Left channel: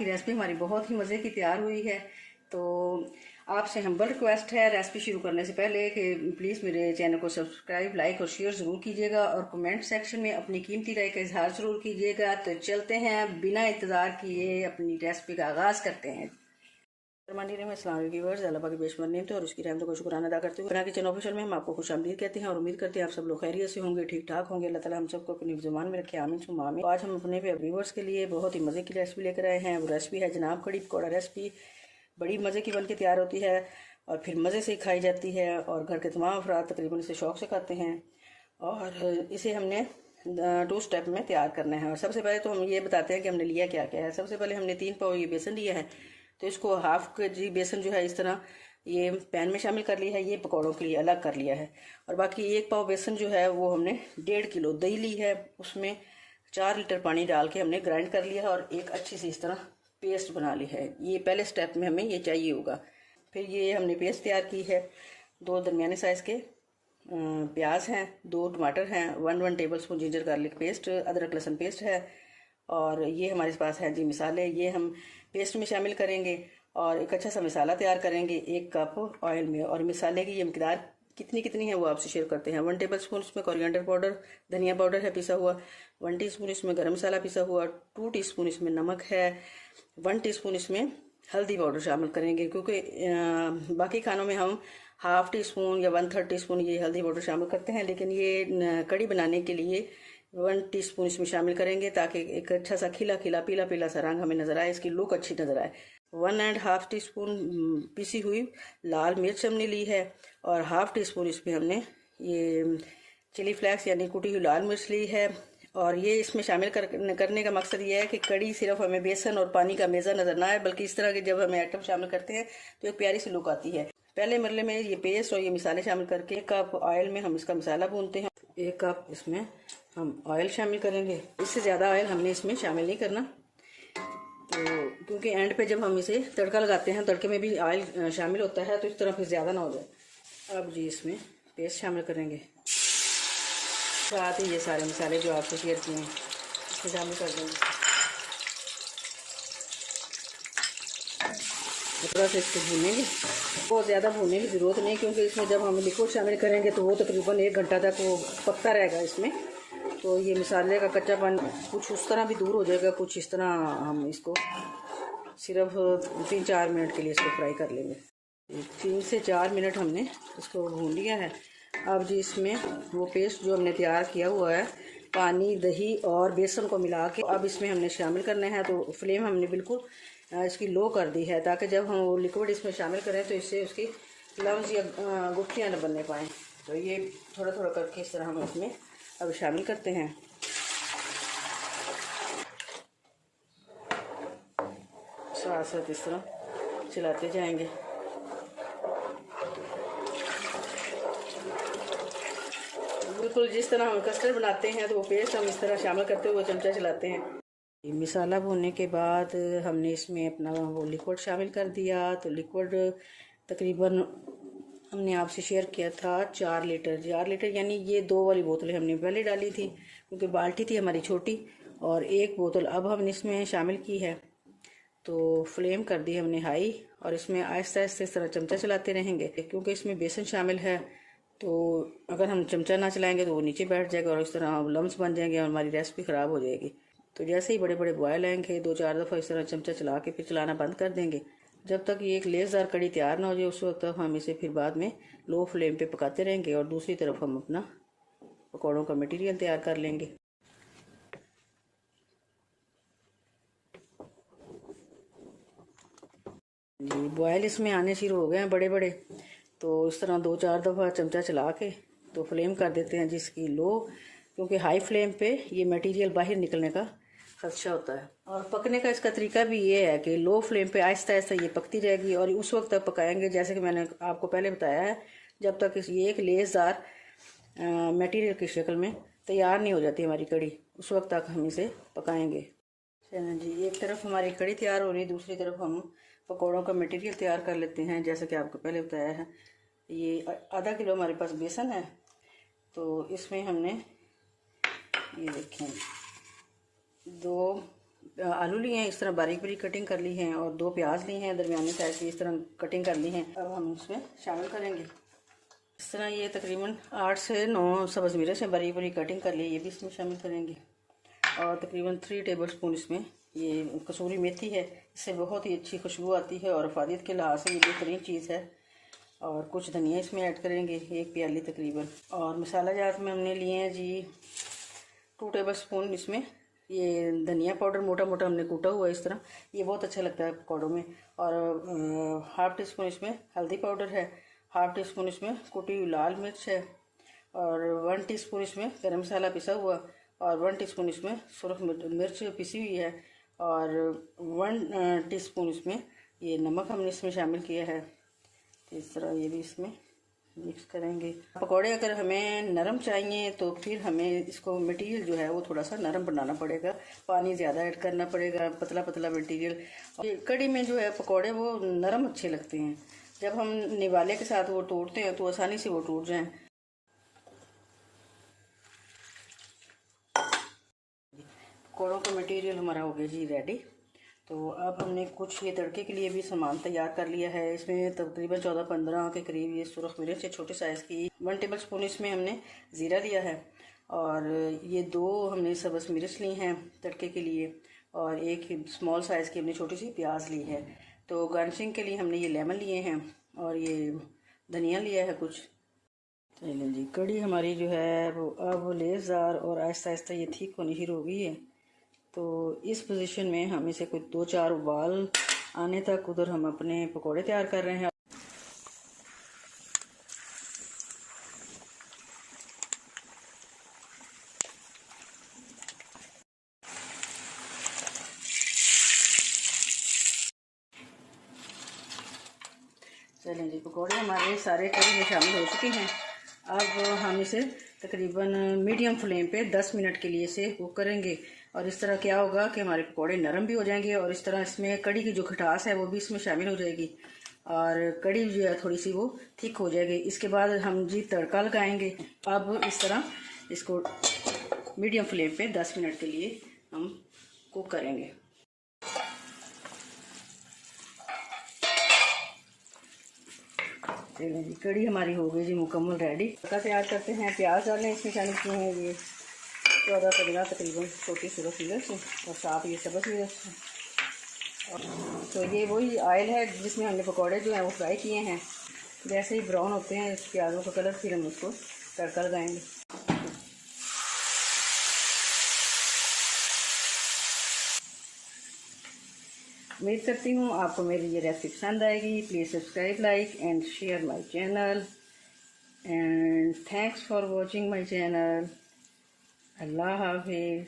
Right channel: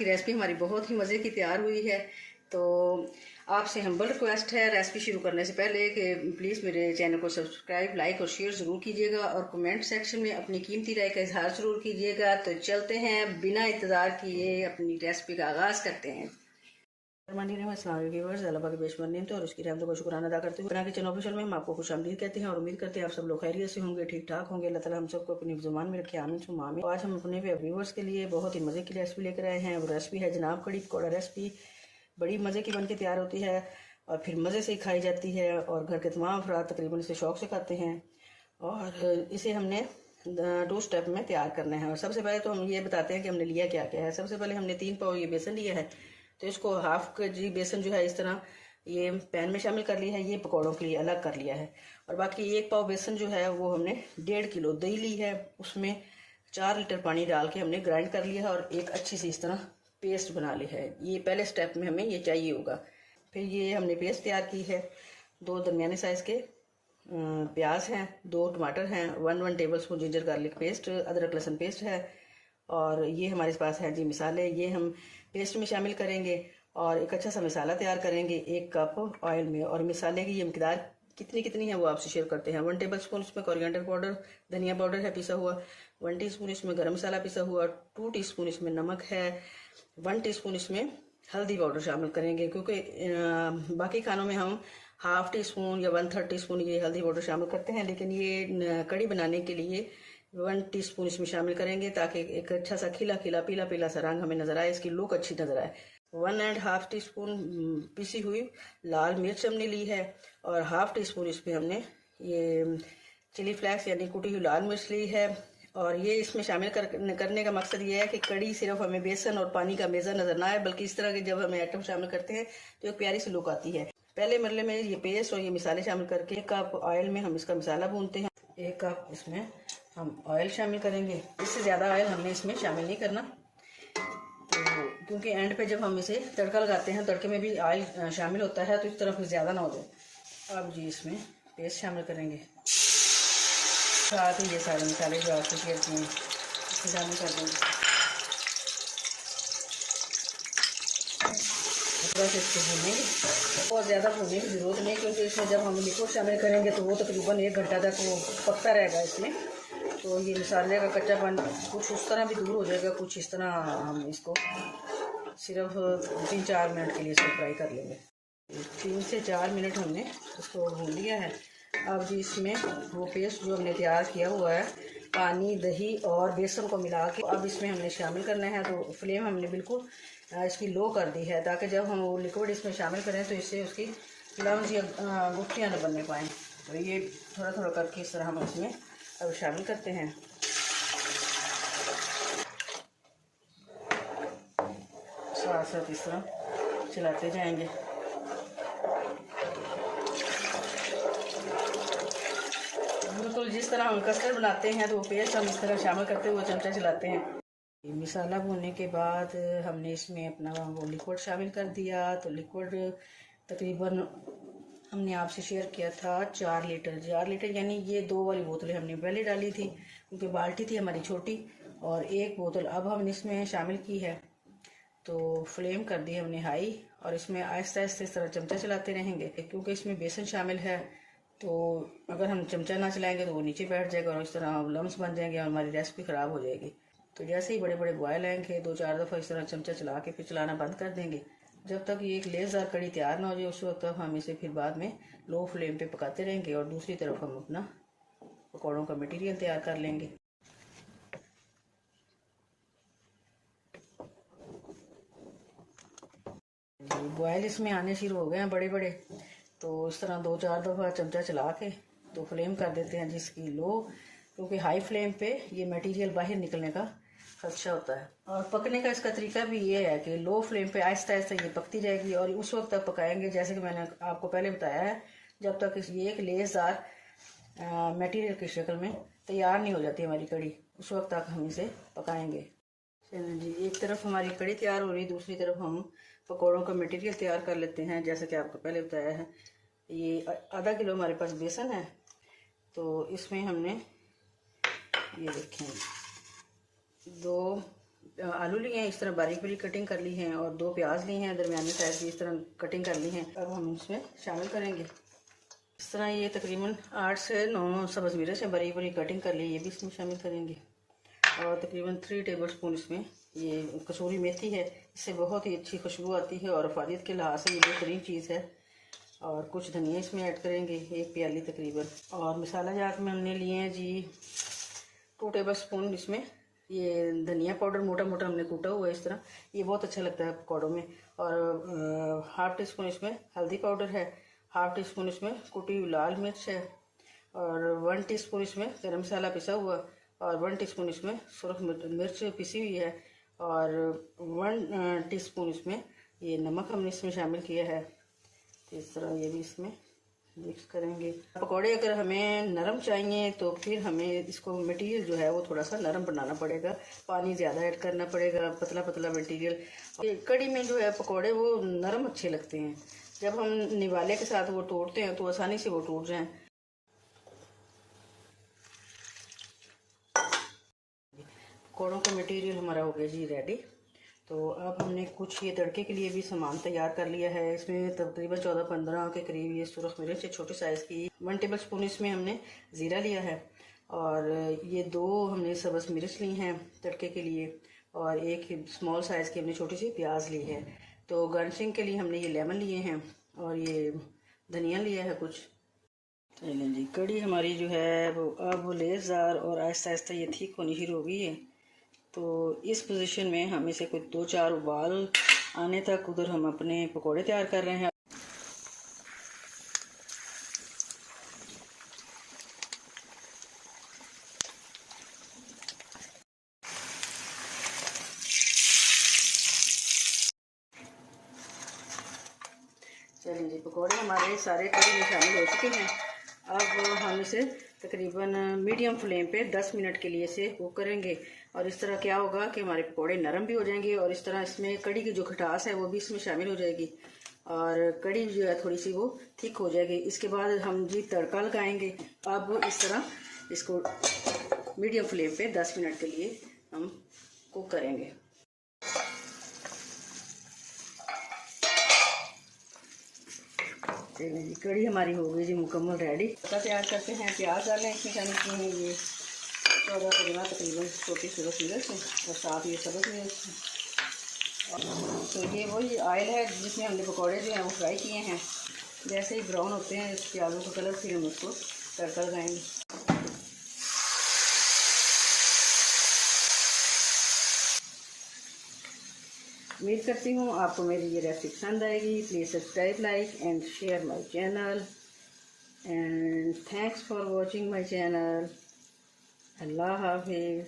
की रेसिपी हमारी बहुत ही मज़े की तैयार हुई है। तो आपसे हम्बल रिक्वेस्ट है रेसिपी शुरू करने से पहले कि प्लीज़ मेरे चैनल को सब्सक्राइब, लाइक और शेयर ज़रूर कीजिएगा और कमेंट सेक्शन में अपनी कीमती राय का इजहार ज़रूर कीजिएगा। तो चलते हैं, बिना इंतज़ार किए अपनी रेसिपी का आगाज़ करते हैं। तो और उसकी रहमतों को शुक्राना अदा करते हुए किचन ऑफिशियल में हम आपको खुशामदीद कहते हैं और उम्मीद करते हैं आप सब लोग खैरियत से होंगे, ठीक ठाक होंगे। अल्लाह ताला हम सबको अपनी ज़ुबान में रखे, आमीन सुम्मा आमीन। आज हम अपने व्यूअर्स के लिए बहुत ही मज़े की रेसिपी लेकर आए हैं। वो रेसिपी है जनाब कड़ी पकौड़ा रेसिपी। बड़ी मज़े की बन के तैयार होती है और फिर मज़े से खाई जाती है और घर के तमाम अफराद तकरीबन इसे शौक़ से खाते हैं। और इसे हमने 2 स्टेप में तैयार करना है। और सबसे पहले तो हम ये बताते हैं कि हमने लिया क्या क्या है। सबसे पहले हमने 3 पाव ये बेसन लिया है, तो इसको हाफ kg बेसन जो है इस तरह ये पैन में शामिल कर लिया है, ये पकौड़ों के लिए अलग कर लिया है। और बाकी 1 पाव बेसन जो है वो हमने 1.5 किलो दही ली है, उसमें 4 लीटर पानी डाल के हमने ग्राइंड कर लिया है और एक अच्छी सी इस तरह पेस्ट बना ली है। ये पहले स्टेप में हमें ये चाहिए होगा। फिर ये हमने पेस्ट तैयार की है। 2 दरमियाने साइज़ के प्याज हैं, 2 टमाटर हैं, 1 table spoon ginger garlic paste, अदरक लहसुन पेस्ट है। और ये हमारे पास है जी मसाले, ये हम पेस्ट में शामिल करेंगे और एक अच्छा सा मसाला तैयार करेंगे 1 कप ऑयल में। और मसाले की ये मकदार कितनी है वो आपसे शेयर करते हैं। 1 टेबल स्पून इसमें कोरिएंडर पाउडर, धनिया पाउडर है पिसा हुआ, 1 टीस्पून इसमें गरम मसाला पिसा हुआ, 2 टीस्पून इसमें नमक है, 1 टीस्पून इसमें हल्दी पाउडर शामिल करेंगे, क्योंकि बाकी खानों में हम ½ टीस्पून या 1/3 टीस्पून ये हल्दी पाउडर शामिल करते हैं, लेकिन ये कड़ी बनाने के लिए 1 टीस्पून इसमें शामिल करेंगे ताकि एक अच्छा सा खिला पीला सा रंग हमें नजर आए, इसकी लुक अच्छी नजर आए। 1½ टीस्पून पिसी हुई लाल मिर्च हमने ली है और ½ टीस्पून इसमें हमने ये चिली फ्लेक्स यानी कुटी हुई लाल मिर्च ली है। और ये इसमें शामिल करने का मकसद ये है कि कड़ी सिर्फ हमें बेसन और पानी का मेज़ा नजर ना आए, बल्कि इस तरह के जब हमें आइटम शामिल करते हैं तो एक प्यारी सी लुक आती है। पहले मरले में ये पेस्ट और ये मसाले शामिल करके 1 कप ऑयल में हम इसका मसाला भूनते हैं। 1 कप इसमें हम ऑयल शामिल करेंगे, इससे ज़्यादा ऑयल हमने इसमें शामिल नहीं करना, तो क्योंकि एंड पे जब हम इसे तड़का लगाते हैं तड़के में भी ऑयल शामिल होता है, तो इस तरह फिर ज़्यादा ना हो जाए। अब जी इसमें पेस्ट शामिल करेंगे, साथ ही ये सारे मसाले जो आपको शेयर किए हैं इसे शामिल कर देंगे। थोड़ा सा इसको भूनेंगे, बहुत ज़्यादा भूनने की ज़रूरत नहीं, क्योंकि इसमें जब हम लिक्विड शामिल करेंगे तो वो तकरीबन 1 घंटा तक वो पकता रहेगा इसमें। तो ये मसाले का कच्चापन कुछ उस तरह भी दूर हो जाएगा, कुछ इस तरह हम इसको सिर्फ 3-4 मिनट के लिए इसको फ्राई कर लेंगे। 3 से 4 मिनट हमने इसको भून लिया है। अब जी इसमें वो पेस्ट जो हमने तैयार किया हुआ है, पानी, दही और बेसन को मिला के अब इसमें हमने शामिल करना है। तो फ्लेम हमने बिल्कुल इसकी लो कर दी है, ताकि जब हम वो लिक्विड इसमें शामिल करें तो इससे उसकी लम्स या गुठलियाँ न बनने पाएँ। तो ये थोड़ा थोड़ा करके इस तरह हम इसमें अब शामिल करते हैं। साथ साथ इस तरह चलाते जाएंगे। बिल्कुल जिस तरह हम कस्टर्ड बनाते हैं तो वो पेस्ट हम इस तरह शामिल करते हुए चमचा चलाते हैं। मसाला भूनने के बाद हमने इसमें अपना वो लिक्विड शामिल कर दिया। तो लिक्विड तकरीबन हमने आपसे शेयर किया था 4 लीटर यानी ये 2 वाली बोतलें हमने पहले डाली थी, क्योंकि बाल्टी थी हमारी छोटी, और 1 बोतल अब हमने इसमें शामिल की है। तो फ्लेम कर दी हमने हाई और इसमें आहिस्ता आहिस्ता इस तरह चमचा चलाते रहेंगे, क्योंकि इसमें बेसन शामिल है। तो अगर हम चमचा ना चलाएंगे तो वो नीचे बैठ जाएगा और इस तरह लम्स बन जाएंगे और हमारी रेसिपी ख़राब हो जाएगी। तो जैसे ही बड़े बड़े बॉयल आएंगे 2-4 दफ़ा इस तरह चमचा चला के फिर चलाना बंद कर देंगे। जब तक ये एक लेसदार कड़ी तैयार ना हो जाए उस वक्त तक हम इसे फिर बाद में लो फ्लेम पे पकाते रहेंगे और दूसरी तरफ हम अपना पकौड़ों का मटेरियल तैयार कर लेंगे। बॉयल इसमें आने शुरू हो गए हैं बड़े बड़े, तो इस तरह 2-4 दफ़ा चमचा चला के तो फ्लेम कर देते हैं जिसकी लो, क्योंकि हाई फ्लेम पे ये मटेरियल बाहर निकलने का खदशा होता है। और पकने का इसका तरीका भी ये है कि लो फ्लेम पे आहिस्ता आहिस्ता ये पकती रहेगी और उस वक्त तक पकाएंगे, जैसे कि मैंने आपको पहले बताया है, जब तक ये एक लेसदार मटेरियल की शक्ल में तैयार नहीं हो जाती हमारी कड़ी, उस वक्त तक हम इसे पकाएंगे। चलिए जी, एक तरफ हमारी कड़ी तैयार हो रही है, दूसरी तरफ हम पकौड़ों का मटेरियल तैयार कर लेते हैं। जैसा कि आपको पहले बताया है, ये ½ किलो हमारे पास बेसन है, तो इसमें हमने ये देखें 2 आलू लिए हैं, इस तरह बारीक बारीक कटिंग कर ली है, और 2 प्याज लिए हैं दरमियानी साइज की, इस तरह कटिंग कर ली है। अब हम इसमें शामिल करेंगे। इस तरह ये तकरीबन 8 से 9 सब्ज़ मिर्च है बारीक बारीक कटिंग कर ली, ये भी इसमें शामिल करेंगे। और तकरीबन 3 टेबल स्पून इसमें ये कसूरी मेथी है, इससे बहुत ही अच्छी खुशबू आती है और अफादियत के लिहाज से ये बेहतरीन चीज़ है। और कुछ धनिया इसमें ऐड करेंगे, 1 प्याली तकरीबन। और मसाला जात में हमने लिए हैं जी 2 टेबल स्पून इसमें ये धनिया पाउडर मोटा मोटा हमने कूटा हुआ है इस तरह, ये बहुत अच्छा लगता है पकौड़ों में। और हाफ़ टी स्पून इसमें हल्दी पाउडर है, हाफ़ टी स्पून इसमें कुटी हुई लाल मिर्च है, और 1 टीस्पून इसमें गरम मसाला पिसा हुआ, और 1 टीस्पून इसमें सुरख मिर्च पिसी हुई है, और 1 टीस्पून इसमें ये नमक हमने इसमें शामिल किया है। तो इस तरह ये भी इसमें मिक्स करेंगे। पकौड़े अगर हमें नरम चाहिए तो फिर हमें इसको मटेरियल जो है वो थोड़ा सा नरम बनाना पड़ेगा, पानी ज़्यादा ऐड करना पड़ेगा, पतला पतला मटेरियल। कड़ी में जो है पकौड़े वो नरम अच्छे लगते हैं, जब हम निवाले के साथ वो तोड़ते हैं तो आसानी से वो टूट जाएं। पकौड़ों का मटेरियल हमारा हो गया जी रेडी। तो अब हमने कुछ ये तड़के के लिए भी सामान तैयार कर लिया है। इसमें तकरीबन 14-15 के करीब ये सुरख मिर्च है छोटे साइज़ की, 1 टेबल स्पून इसमें हमने ज़ीरा लिया है, और ये 2 हमने सब्ज़ मिर्च ली हैं तड़के के लिए, और 1 स्मॉल साइज़ की हमने छोटी सी प्याज ली है। तो गार्निशिंग के लिए हमने ये लेमन लिए हैं, और ये धनिया लिया है कुछ। चलें जी, कड़ी हमारी जो है वो अब लेसदार और आहिस्ता आहिस्ता ये ठीक होनी शुरू हो गई है। तो इस पोजीशन में हम इसे कुछ 2-4 उबाल आने तक उधर हम अपने पकोड़े तैयार कर रहे हैं। चलें जी, पकोड़े हमारे सारे कड़ी में शामिल हो चुके हैं। अब हम इसे तकरीबन मीडियम फ्लेम पे 10 मिनट के लिए इसे कुक करेंगे, और इस तरह क्या होगा कि हमारे पकोड़े नरम भी हो जाएंगे, और इस तरह इसमें कड़ी की जो खटास है वो भी इसमें शामिल हो जाएगी, और कड़ी जो है थोड़ी सी वो थिक हो जाएगी। इसके बाद हम जी तड़का लगाएंगे। अब इस तरह इसको मीडियम फ्लेम पे 10 मिनट के लिए हम कुक करेंगे। चलिए जी, कड़ी हमारी हो गई जी मुकम्मल रेडी। तड़का तैयार करते हैं। प्याज डालें, इसमें शामिल किए हैं ये 14-15 तकरीबन छोटी सुरख मिर्च, और साथ ये सब्ज़ मिर्च। तो ये वही ऑयल है जिसमें हमने पकौड़े जो हैं वो फ्राई किए हैं। जैसे ही ब्राउन होते हैं प्याज़ों का कलर, फिर हम उसको तड़का लगाएंगे। उम्मीद करती हूँ आपको मेरी ये रेसिपी पसंद आएगी। Please subscribe, like and share my channel, and thanks for watching my channel. अल्लाह हाफिज़।